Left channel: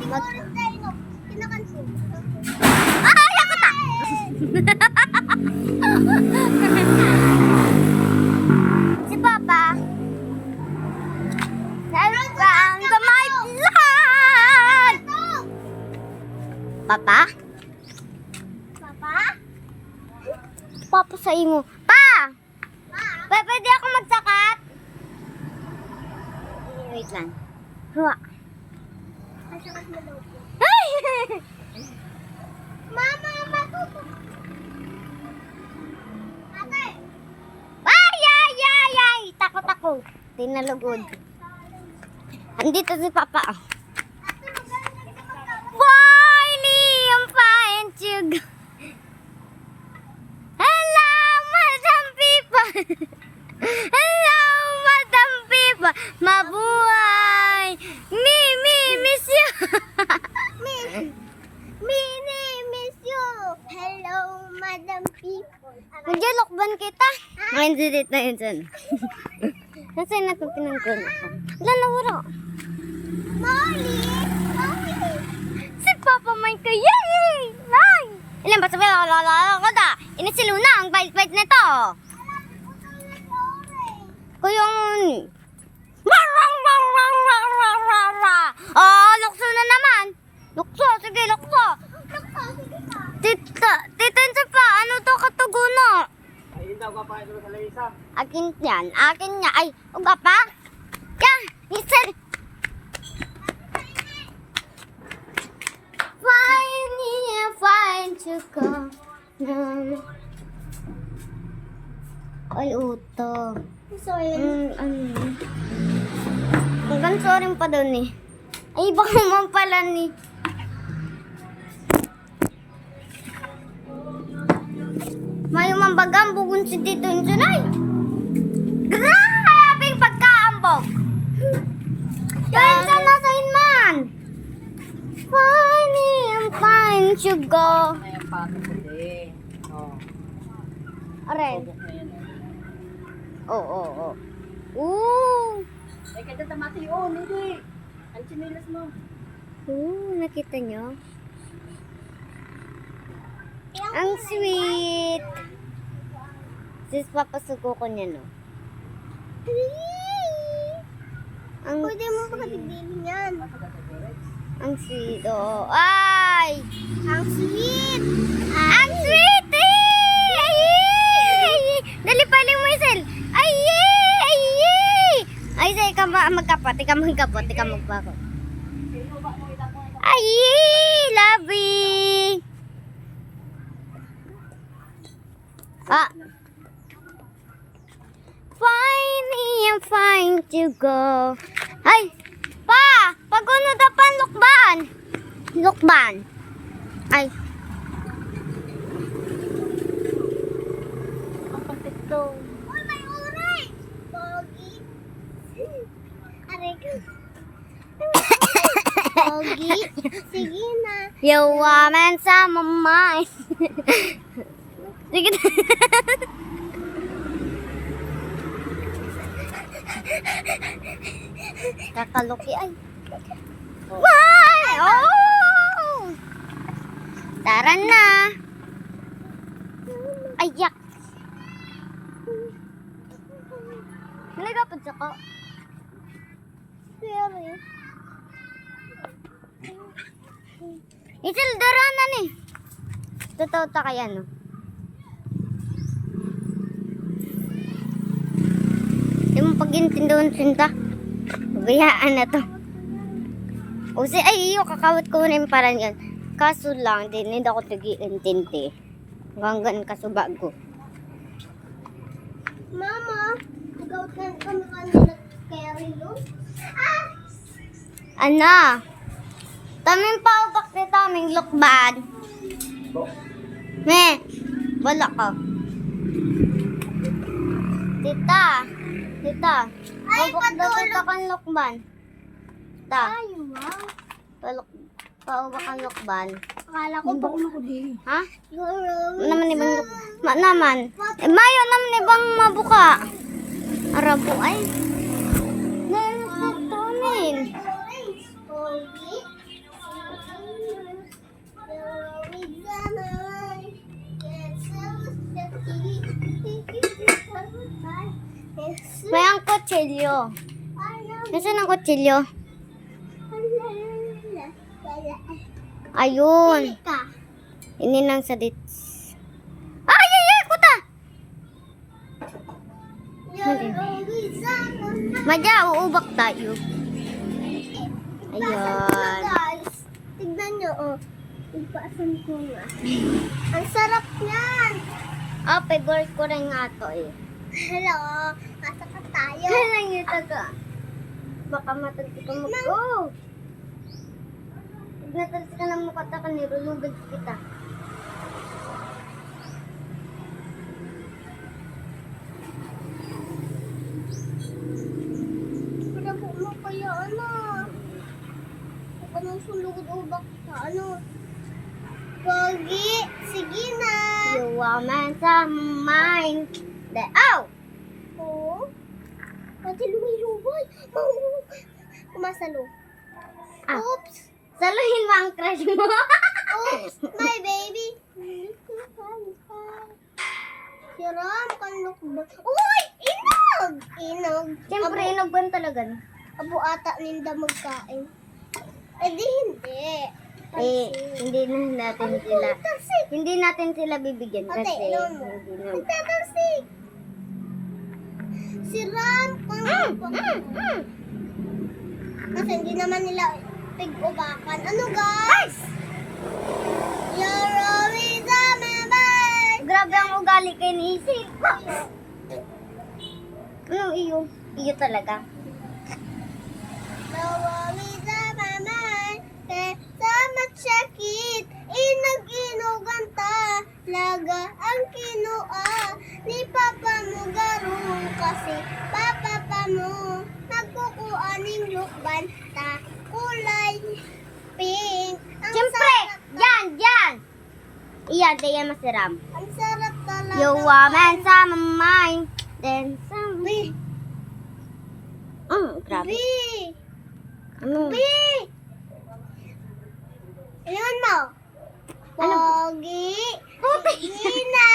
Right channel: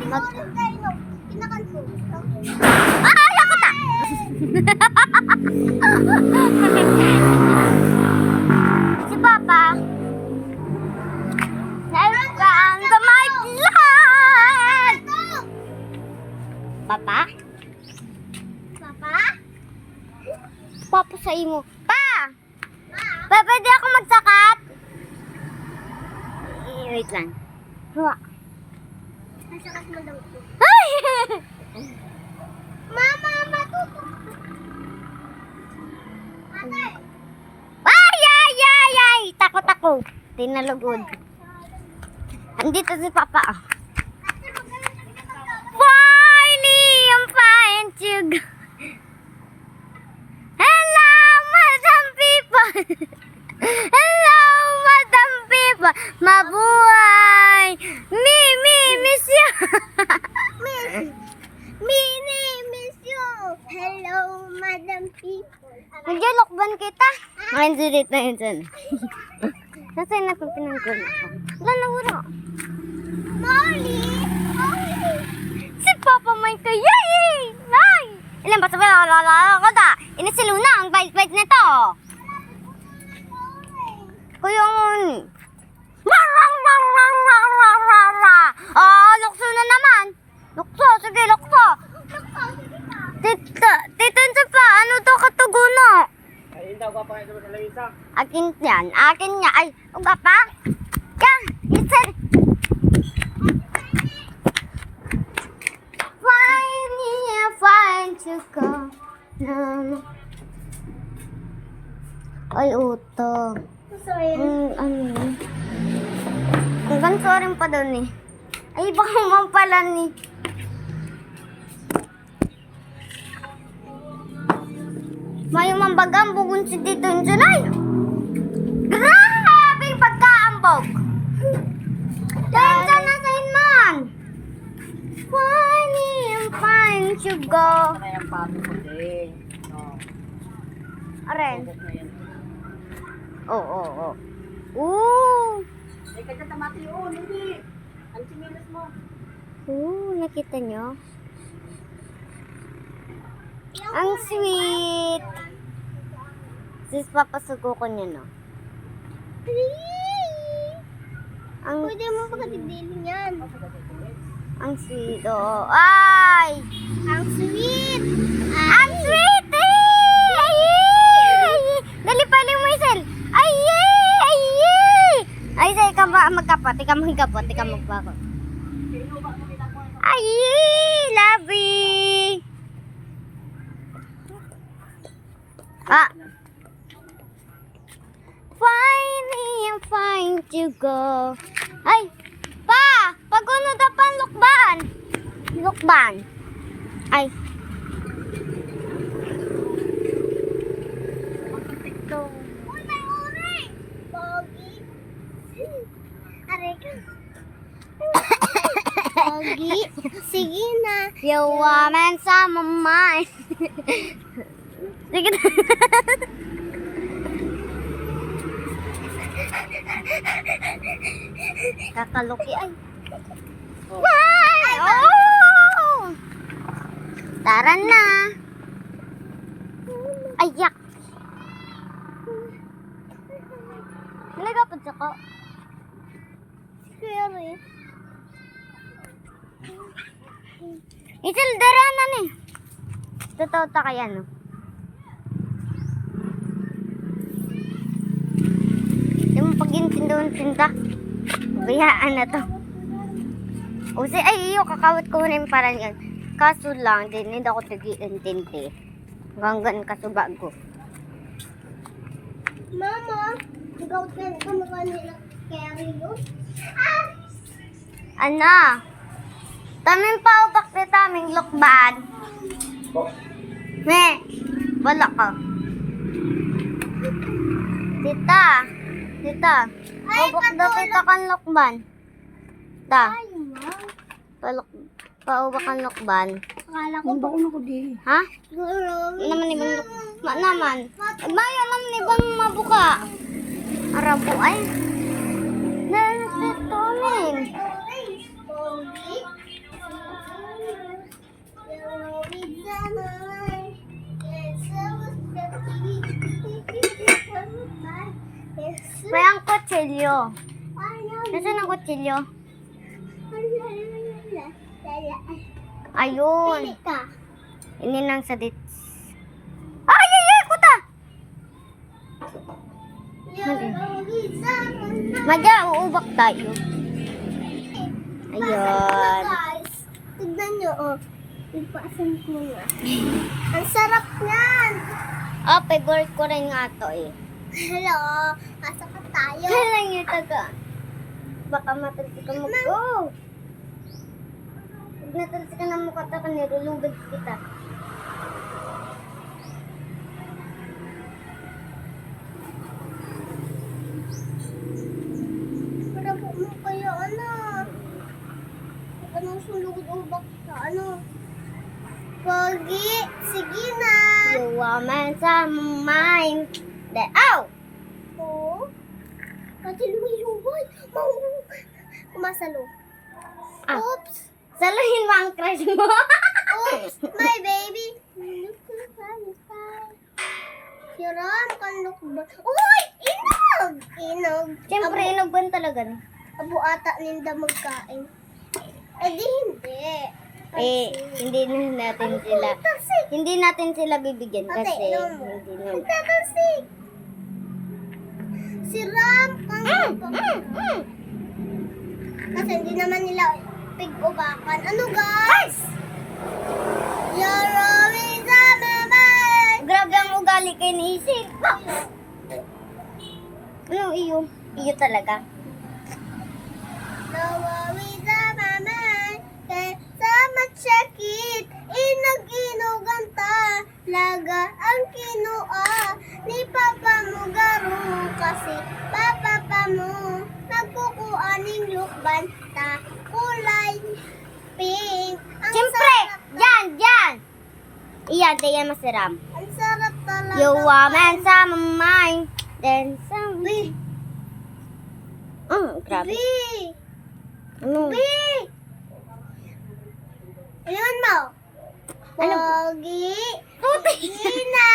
Kinakanso. Ay, ako ta! Si Papa. Welcome to my vlog! Papa? Papa? Papa sa imo. Pa! Pwede ako magsakat? Wait lang. Huwa. Masakas mo daw po. Ay! Mama, matuto. Ate! Ay, ay, ay, ay! Takot ako. Tinalugod. Andito si Papa. Oh. Finally, I'm fine to go. Hello, Madam People. Hello, Madam People. Mabuhay. Miss you. Miss you. Hello, Madam People. Nagyalokban kita. Ngayon silit na yun dyan. Nasaan na kung pinangkon ako? Wala na wala. Molly! Si Papa may kayay! Nay! Ilan ba sabi? Lalala ko da. Inisilo na ang bait-bait nito. Kaya nguni. Oh, lukso na naman. Lukso, sige, lukso. Tita pa, ano to katuguno? Ayun daw ka pa ito sa Lamisa. Akin yan, akin nga. Ay, uga pa? Yan, listen. Fine to go. Ay, uto. Sorry. Ano? Ang ganso rin pa daw ni. Ay, ibang umang pala ni. May umambagang bugun si Tito Junay. Grabing pagkaambog. Kaya ka na sa inman. Funny and fine to go. May ang papo ko din. Oh. Aray. Focus na yan. Oo. Ooh. Ay, kaya tamati. Oh, hindi. Ang sinilas mo. Nakita nyo? Ang sweet. Sis, papasuko ko niya, no? Ang, Pwede mo pagkatibili yan. ang sweet, oo. Ay! Ang sweet. Ang sweet! Ay! Dali pala mo, Isel. Ay! Ay, say, ikaw magkapot. Ikaw magpako. Ay! Lovey! Ah! I'm fine to go. Ay! Pa! Pag-uno dapan lukban! Lukban! Ay! Uy, may oray! Pogi. Aray ka. Pogi. Sige na. You woman sa my mind. Sige na. Kakaluki ay. Why? Oh! Tara na. Ayak. Nalagapad siya ko. Kuya Ray. Isil, dara na ni. Totoo ta kaya no? Hindi mo pag-intindoon pinta. Bayaan na to. O si ay iyo kakawat ko na yung parang yan. Kaso lang, hindi ako tagi-intindi. Hanggang kasubag ko. Mama, ikaw kamukha nila carry yun? Ah! Ana? Taming paugak na taming lukban. Meh, wala ka. Tita. Ay, Paugak daw kita kan lukban. Ta, Ayaw na. paugak kan lukban. Akala ko Ang bakon ako din. Ha? siguro. Naman ibang naman. Mayo naman ibang mabuka. Arabo ay. Nalito min. Pogi. kutsilyo? Nasaan ang kutsilyo? Ayun. Pili ka. Ininang sa dits. Ay, ay, ay, kuta! Madya, uubak tayo. Ayun. Guys, tignan nyo, oh. Ipaasan ko nga. Ang sarap niyan. Oh, favorite ko rin nga to eh. Hello, asa ka tayo? Kailan yung taga? Baka matalsi ka mag-go. Pag natalsi ka na mukha ta ka, nirulugad kita. Para po mo kaya, ano? Huwag ka nang sulugod o baka, ano? Pogi, sige na. You woman sa mind. Ow! Oo. Pati lumiluway. Kumasalo. Ah. Oops. Saluhin mo ang crush mo. Oops, my baby. Si Ram, kanlok ba? Uy! Inog! Inog. Siyempre, inugban talaga. Abo ata ninda magkain. Eh di hindi. Eh, hindi na natin sila. Tarsik. Hindi natin sila bibigyan Ate, kasi inom mo. hindi na. Nagtatarsik. Si Ram, kanlok ba? Kasi hindi naman nila pig-ubakan. Ano guys? You're always on my mind. Grabe ang ugali kay Nisik. Ano iyo? Iyo talaga. No worries on my mind. Kaya sama check it. Inag-inugan ta. Laga ang kinua. Ni papa mo garo. Kasi papa pa mo. Nagkukuaning lukban ta. Kulay pink. Ang Siyempre, sarap ta- dyan, dyan. Iyan, tayo masiram. Ang sarap talaga. You woman sa mind. Then some. B. Grabe. B. Ano? B. Ilan mo? Ano? Pogi. Puti. Gina.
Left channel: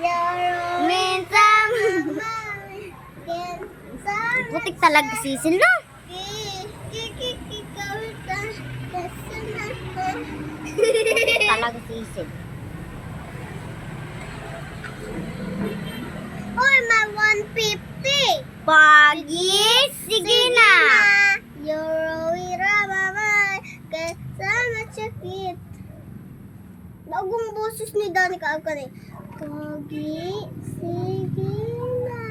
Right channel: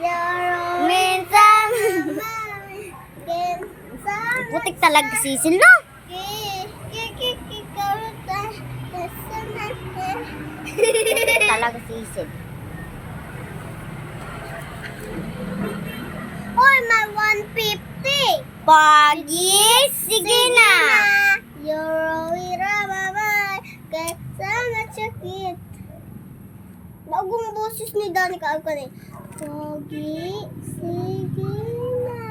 Yaro. Minsan. Putik talaga sisil, no? Putik talaga sisil. Oy, my 150. Pagi, sige na. Euro, ira, babay. Kasama chakit. Bagong boses ni Danica Alcan eh. Pogi, sige na.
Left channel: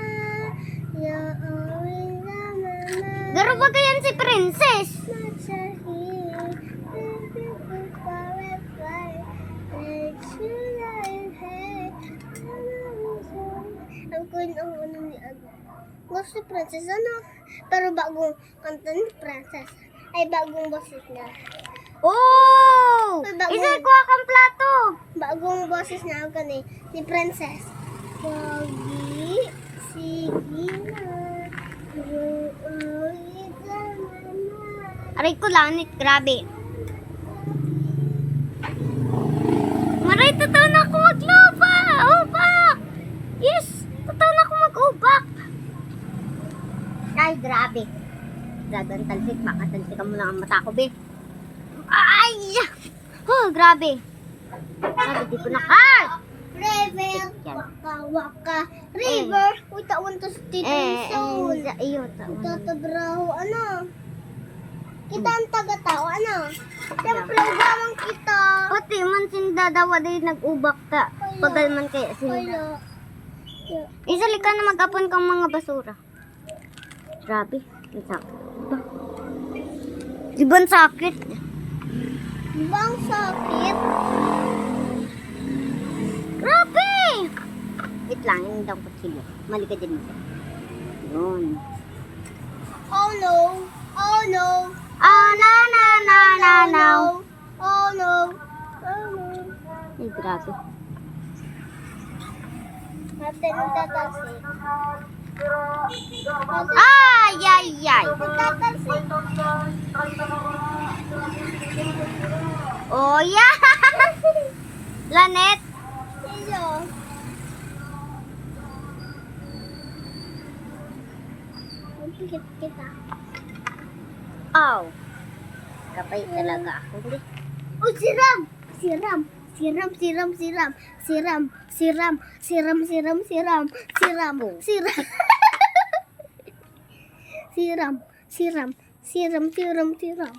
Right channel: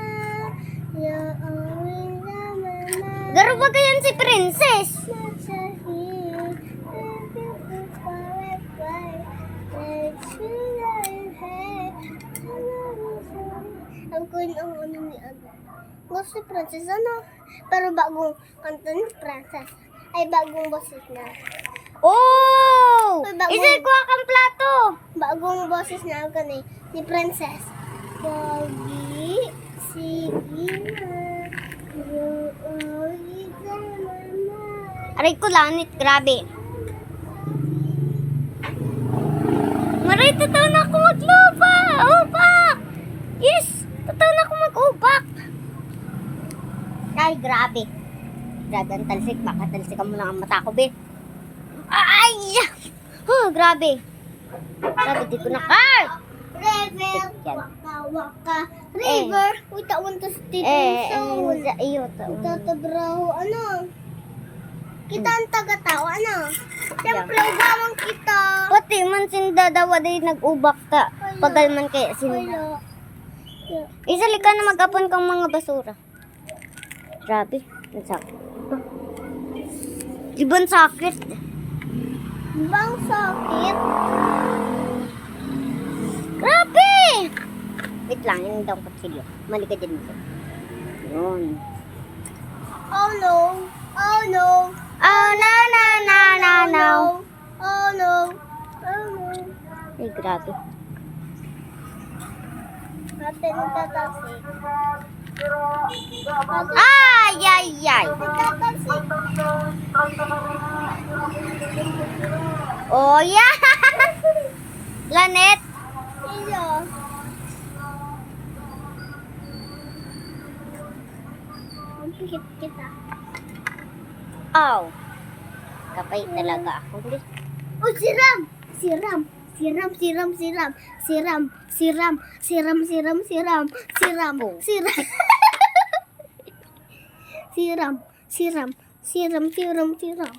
Euro, ira, babay. Garo ba ganyan si Princess? Ang kuin ang ano ni ano. Gusto si Princess ano? Pero bagong kanta ni Princess. Ay bagong boses na. Oh! Ay, bago. Isa kuha kang plato. Bagong boses na ako ni Princess. Pogi, sige na. Aray ko langit, grabe. Maray, totoo na ako maglupa. Ubak! Yes! Totoo na ako mag-ubak. Ay, grabe. Grabe ang talsik. Baka talsikan mo lang ang mata ko, be. Ay! Grabe. Grabe, di ko na card. River, Yan. waka waka. River, uy taon to sa tito soul. Iyo to. Tatabraho, ano? Kita ang taga-tao, ano? Siyempre, ugawan kita. Pati man sinda daw day nag-ubak ta. Pagal man kaya sinda. Wala. Isali ka na mag-apon kang mga basura. Grabe. Ang sakit. Ibang sakit. Bang sakit? Grabe! Wait lang, yun daw ang kutsilyo. Mali ka din ito. Yun. Oh no. Oh no. Oh, no, no, no, no, no. Oh no. Oh no. Ay, grabe. Natin tatasik. Ay, ay, ay. Tatasik. Oh, yeah! Lanet! Iyo. Dikit kita. Aw. Kapay talaga ako. Hindi. Oh, siram! Siram! Siram, siram, siram. Siram, siram, siram, siram, siram. Siram, siram. Siram, siram, siram, siram, siram.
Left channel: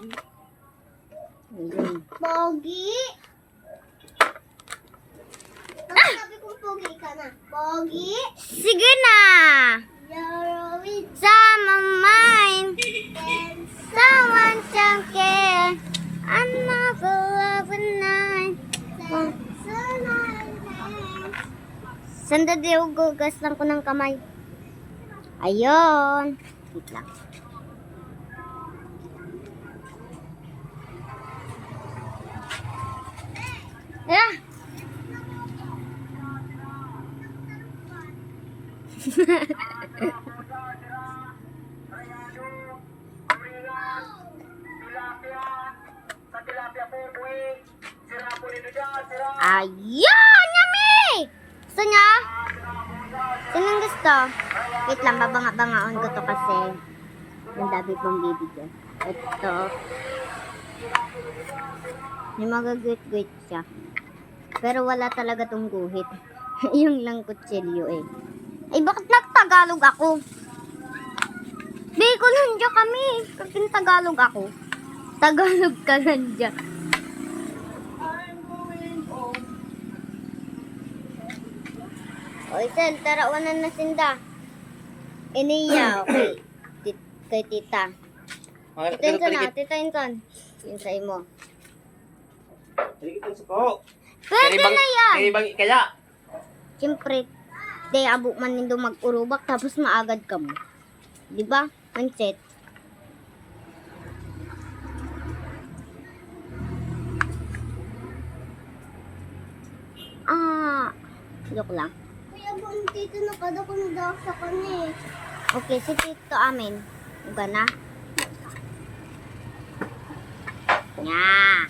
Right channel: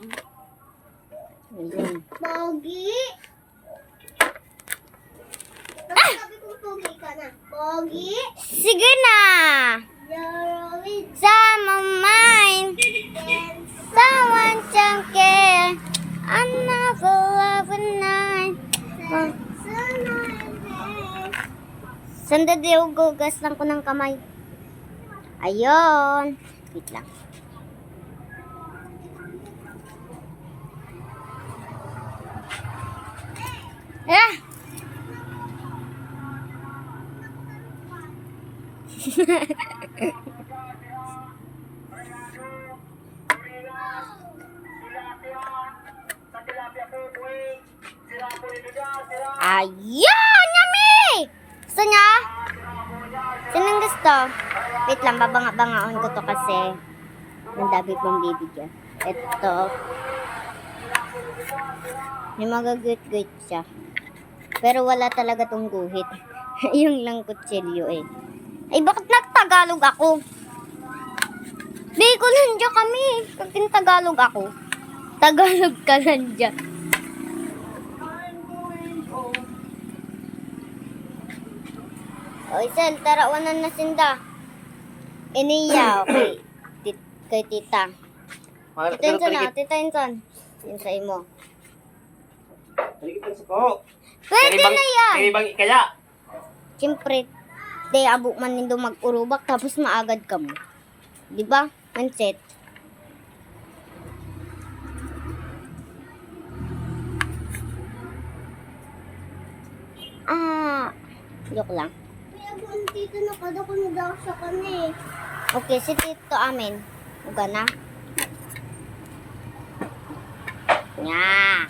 Pogi! Sabi kong pogi ka na. Pogi! Sige na! You're with Some of mine. dance. Someone don't care. Another love night. Sandali, gugas lang ko ng kamay. Ayun. Wait lang. Ah! Ayan! Yummy! Gusto niya? Sinong gusto? Wait lang, babanga-bangaon ko to kasi ang dami kong bibigyan. Ito. May magaguit-guit siya. Pero wala talaga tong guhit. Yung lang kutsilyo eh. Ay, bakit nagtagalog ako? Bicolandia kami. Kapag Tagalog ako. Tagalog ka lang dyan. O, Isel, tarawanan na sinda. Iniya, okay. Kay tita. Tita Inson na, tita Inson. Yun sa imo. Balikitan sa ko. Pwede na yan. Kaya kaya. Siyempre, day abo man nindo mag-urubak tapos maagad ka mo. Di ba? Manset. Joke lang. Kuya, buong tito na kada ko na daw sa kanya eh. Okay, si tito amin. Uga na. Nya.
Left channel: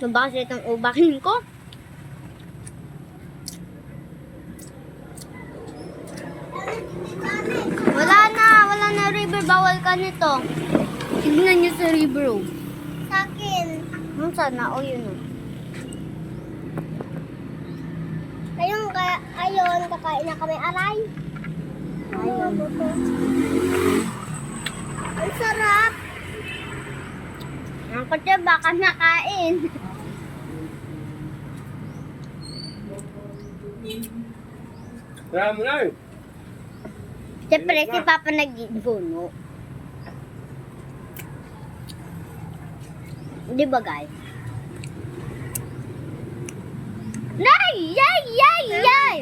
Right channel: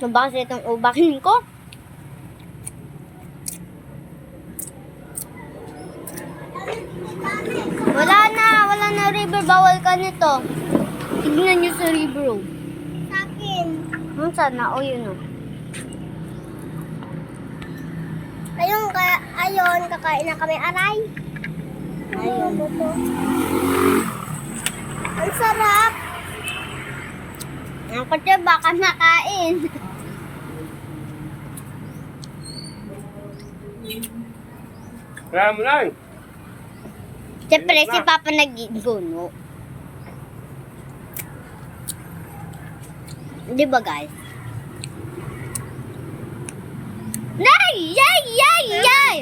Ano ba kasi itong ubakin ko? Wala na river. Bawal ka nito. Tignan niyo sa river. Oh. Sa akin. Sana? O yun o. Ayun, kakain na kami aray. Ayun. Ang sarap. Ang kutya baka nakain. Kaya mo na. Siyempre, si Papa nag-guno. Di ba, guys? Nay! Yay! Yay! Yay!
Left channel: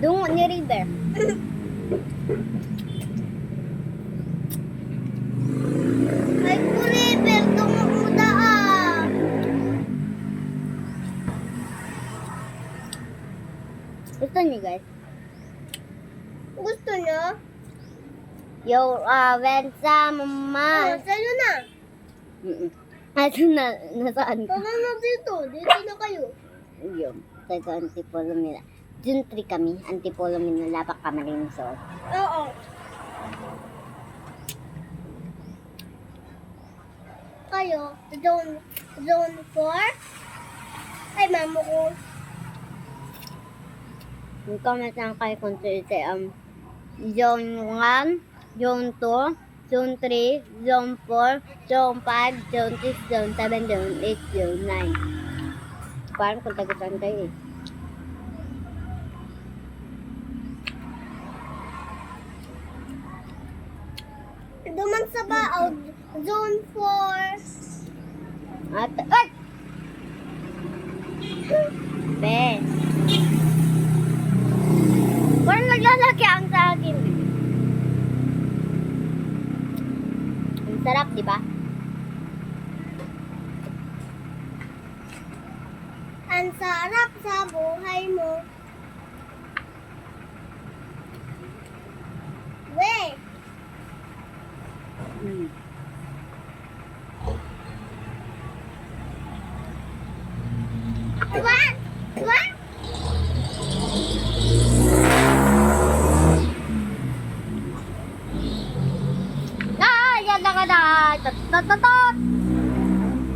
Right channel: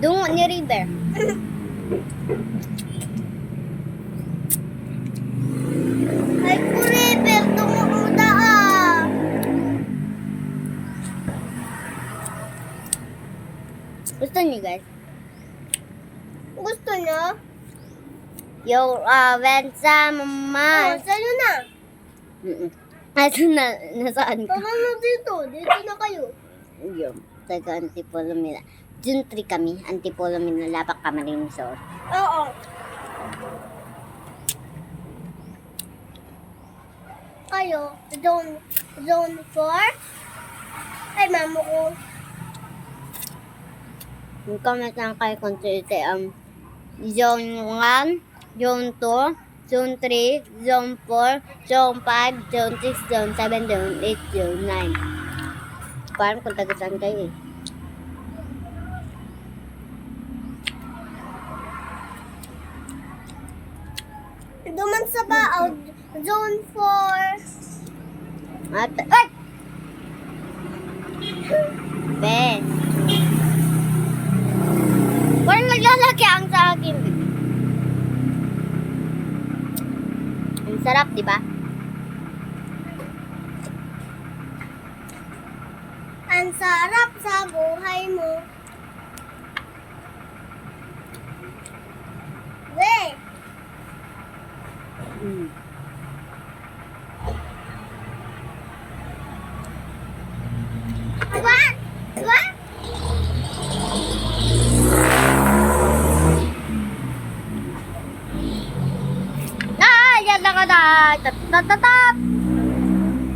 Dungo ni River. Ay, forever. Tungo mo daa. Gusto niyo, guys? Gusto niyo? Yo, when Oh, someone... sa'yo na. Ito na, nasaan ka? Tara na dito. Dito na kayo. Yung, taga Antipolo Mila. June 3 kami, Antipolo Mila, Lapak Kamarin Resort. Oo. Kayo, zone 4? Ay, mamo ko. Yung comment lang kayo kung Zone 1, Zone 2, Zone 3, Zone 4, Zone 5, Zone 6, Zone 7, Zone 8, Zone 9. Parang kung taga-saan kayo eh. Duman sa baaw, zone 4. At, ay! Be. Parang naglalaki ang sa akin. Ang sarap, di ba? Ang sarap sa buhay mo. We, Mm. what? bye. Tat.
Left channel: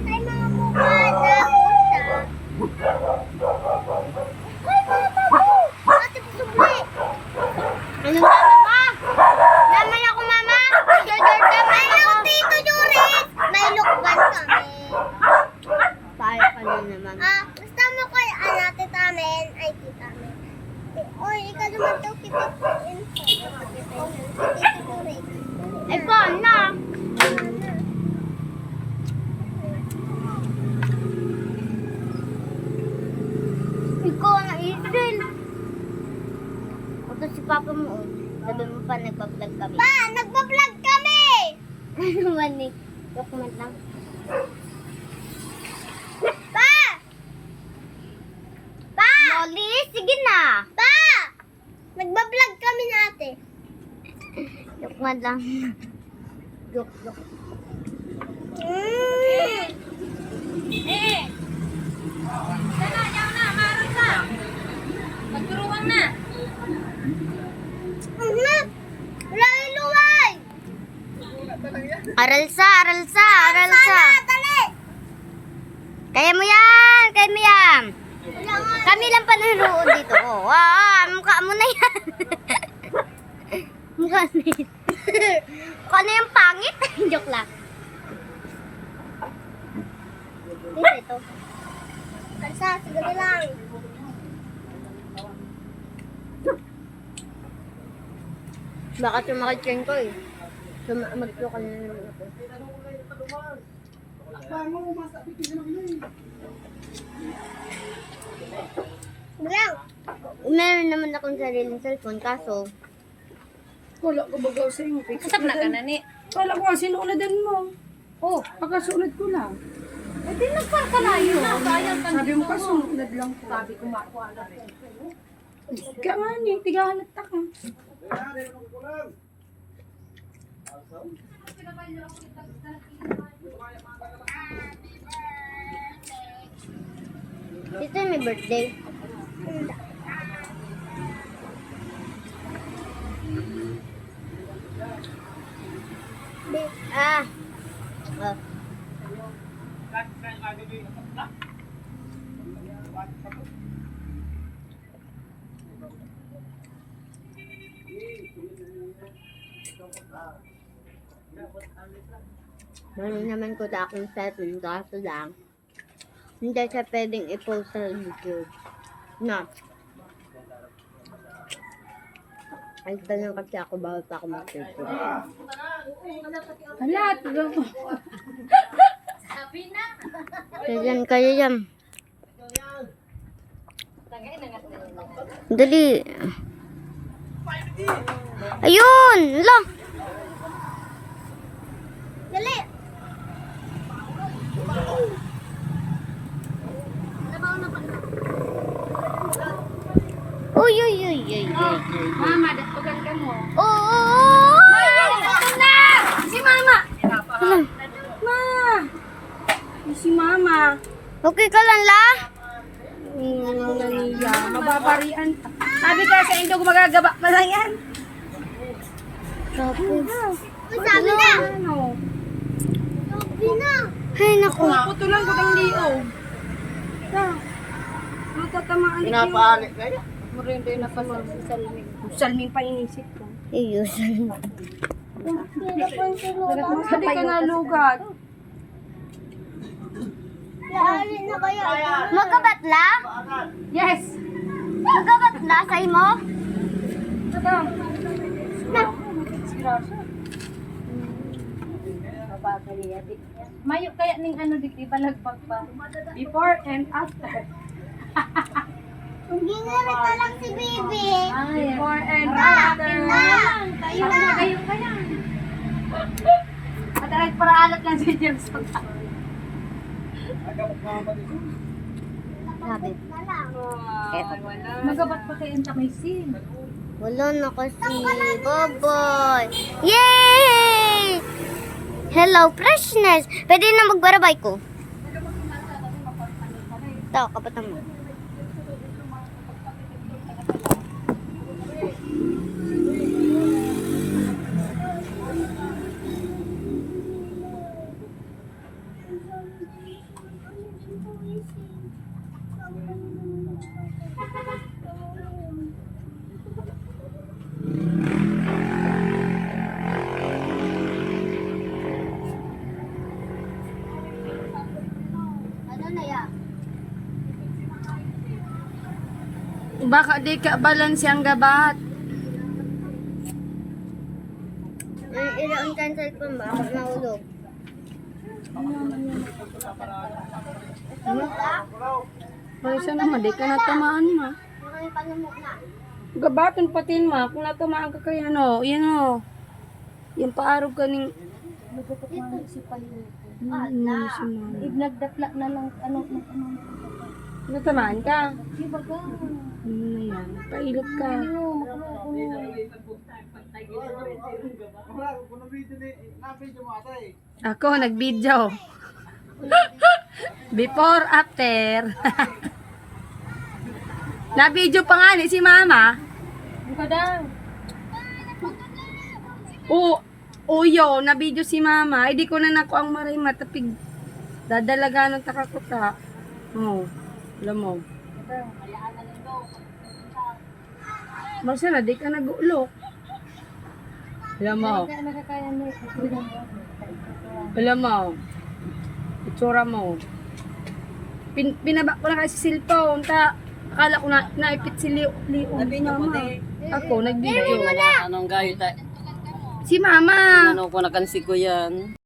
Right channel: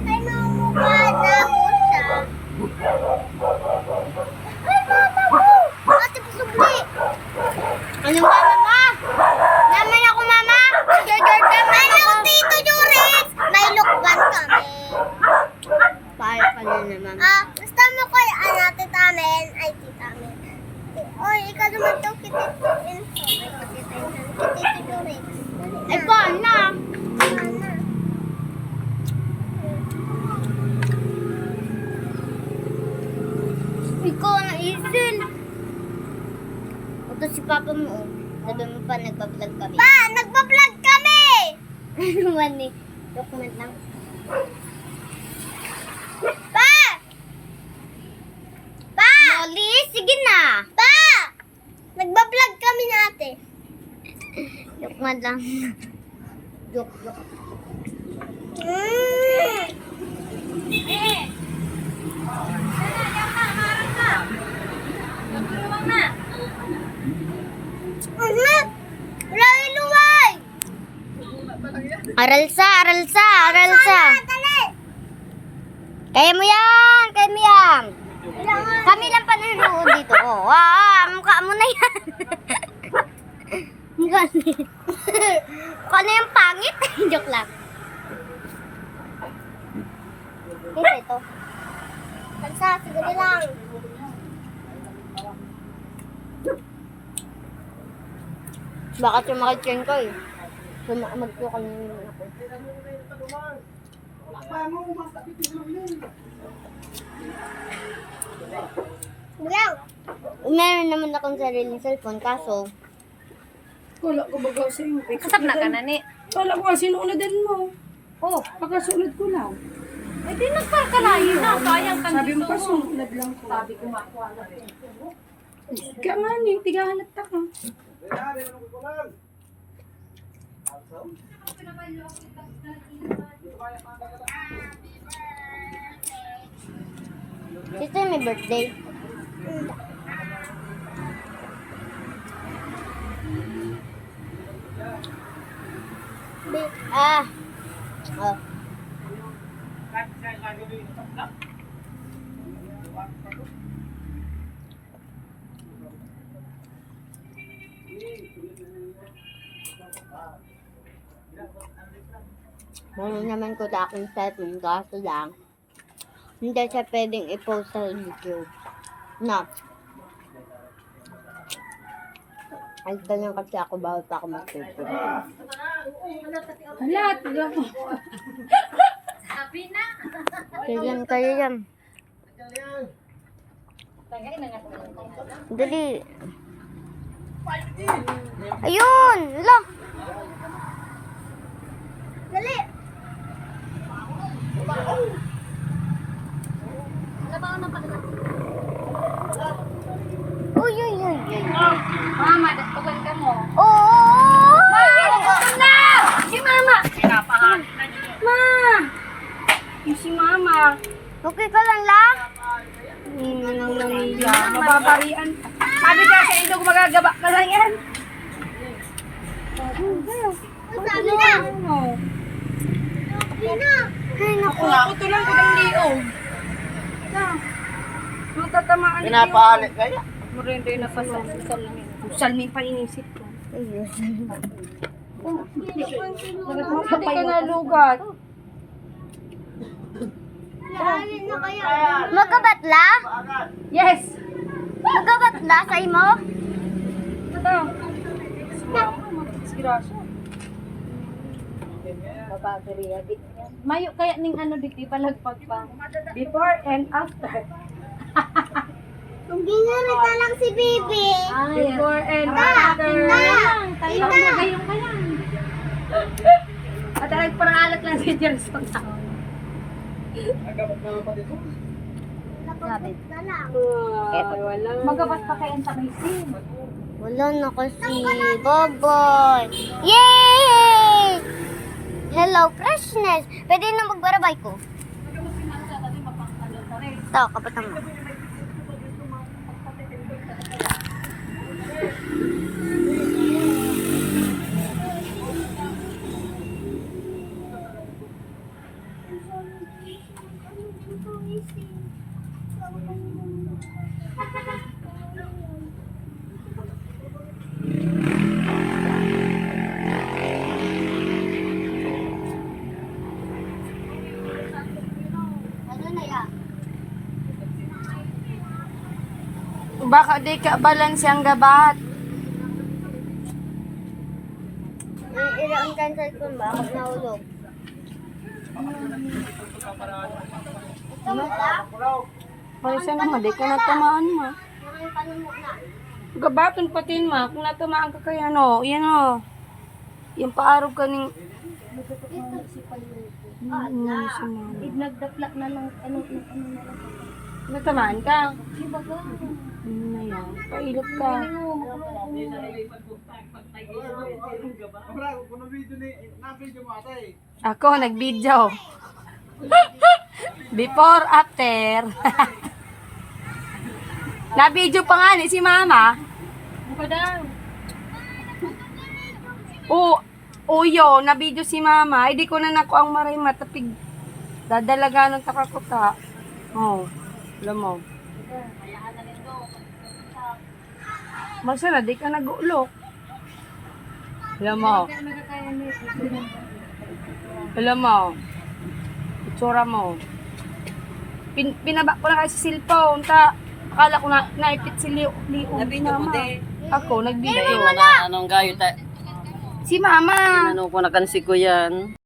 Ay, mamukha na po siya. Ay, mama mo! Ate, pasubli! Ano mama mo? Naman ako mama. Jordan Hello, Tito Juris! May lukban kami. Para ka na naman. Gusto mo ko tita amin? Ay, tita amin. Oy, ikaw naman daw kita info. Ay, kita Tito Juris. Ay, paano na? Ano? Ikaw na isil. Ito si papa mo. Oh. Sabi mo pa nagpa-vlog kami. Pa, nagpa-vlog kami! Ano man eh. Document lang. Pa! Pa! Molly, sige na. Pa! Nagpa-vlog kami na ate. Document lang. Joke. Wala yung luway! Aral sa. Dali! Kaya mo yan. Kami lang panunood dito. Oh, mukha mo na yan. Mukha na yan. Mukha na yung pangit. Joke lang. Ito. Kalsa, siguro lang. Baka sumakit ko eh. Mag-vlog ka na naman ako. Bilang. Meron naman akong sariling cellphone, kaso Wala ko bagaw sa iyo. Kasap na ka na ni. Wala ko ang sinuunadan mo. Oh, pagkasunod ko lang. Eh di nagpakalayo na. Sayang ka Sabi mo dito. pa, sunod lang ko. Sabi ko makuha na. Kaman eh, tigahanap ta ka. ito may birthday. Oh. Meron naman ko sa aking cellphone, kaso lang hindi siya pwedeng i-post sa YouTube. No. Ay, ganyan kasi ako bawal pa ako mag-YouTube. Hala, tiga ko. Kaya yan. Dali. Ayun! Lang! Dali! Uy! Mama, datugan ka mo. Oh! Na! Si mama! Pinapahan. Ma! Yung si mama. Okay ka lang, La? Nangiya. Mababarian. Sabi ko sa inyo, gumagagaba pa lang yan. Uy, sabi na! Ano? Sabi na! Ay, naku. Ito lang ko ng liog. Yung tatamaan ito. Pinapahalit kaya? Murindo yung napasalmin. Salmin pa inisip ko. Ayusin. Sabi ka nga lugat. Lahanin na kaya. Magkabatla? Yes! Magkabatla sa imo? Ito. Sirasa. Mayo kaya ning ano di balagpag pa. Before and after. Kung ginarita lang si Bibi. Before and Ta! after. Ta! Ita! Gayong kaya. At nagparaalat lang si Jerson. Sabi. Na lang. Wala. Magabat pa kay Anta may sin. Wala na kasi. Bye-bye. Yay! Hello, freshness. Pwede na magbarabay ko. Ito, kapatang mo. Baka di ka balance ang gabat. Ilaan ka sa cellphone ba? Ako nahulog. Pero siya naman, di ka natamaan ma. Gabaton patin ma, kung natamaan ka kaya no, yan o. Yung paarog ka ning... Nagdapla na lang ano. Natamaan ka? Di ba ga? Ano na yan? Pailot ka. Ako, nag-video. Before, after. Na-video pa nga ni si mama. Buka daw. Uyo, na-video si mama. Ay, di ko na nako ang maray matapig. Dadalaga ng takakuta. Oh, alam mo. Basta na, di ka nag-ulok. Alam mo. Kaya nakakaya ni. Alam mo. Itsura mo. Pinaba ko na kasi cellphone. Akala ko na naipit si Leo. Nabidyo mo, te. Ako, nag-video. Anong gayo ta? Si mama. Ano ko nakansi ko yan.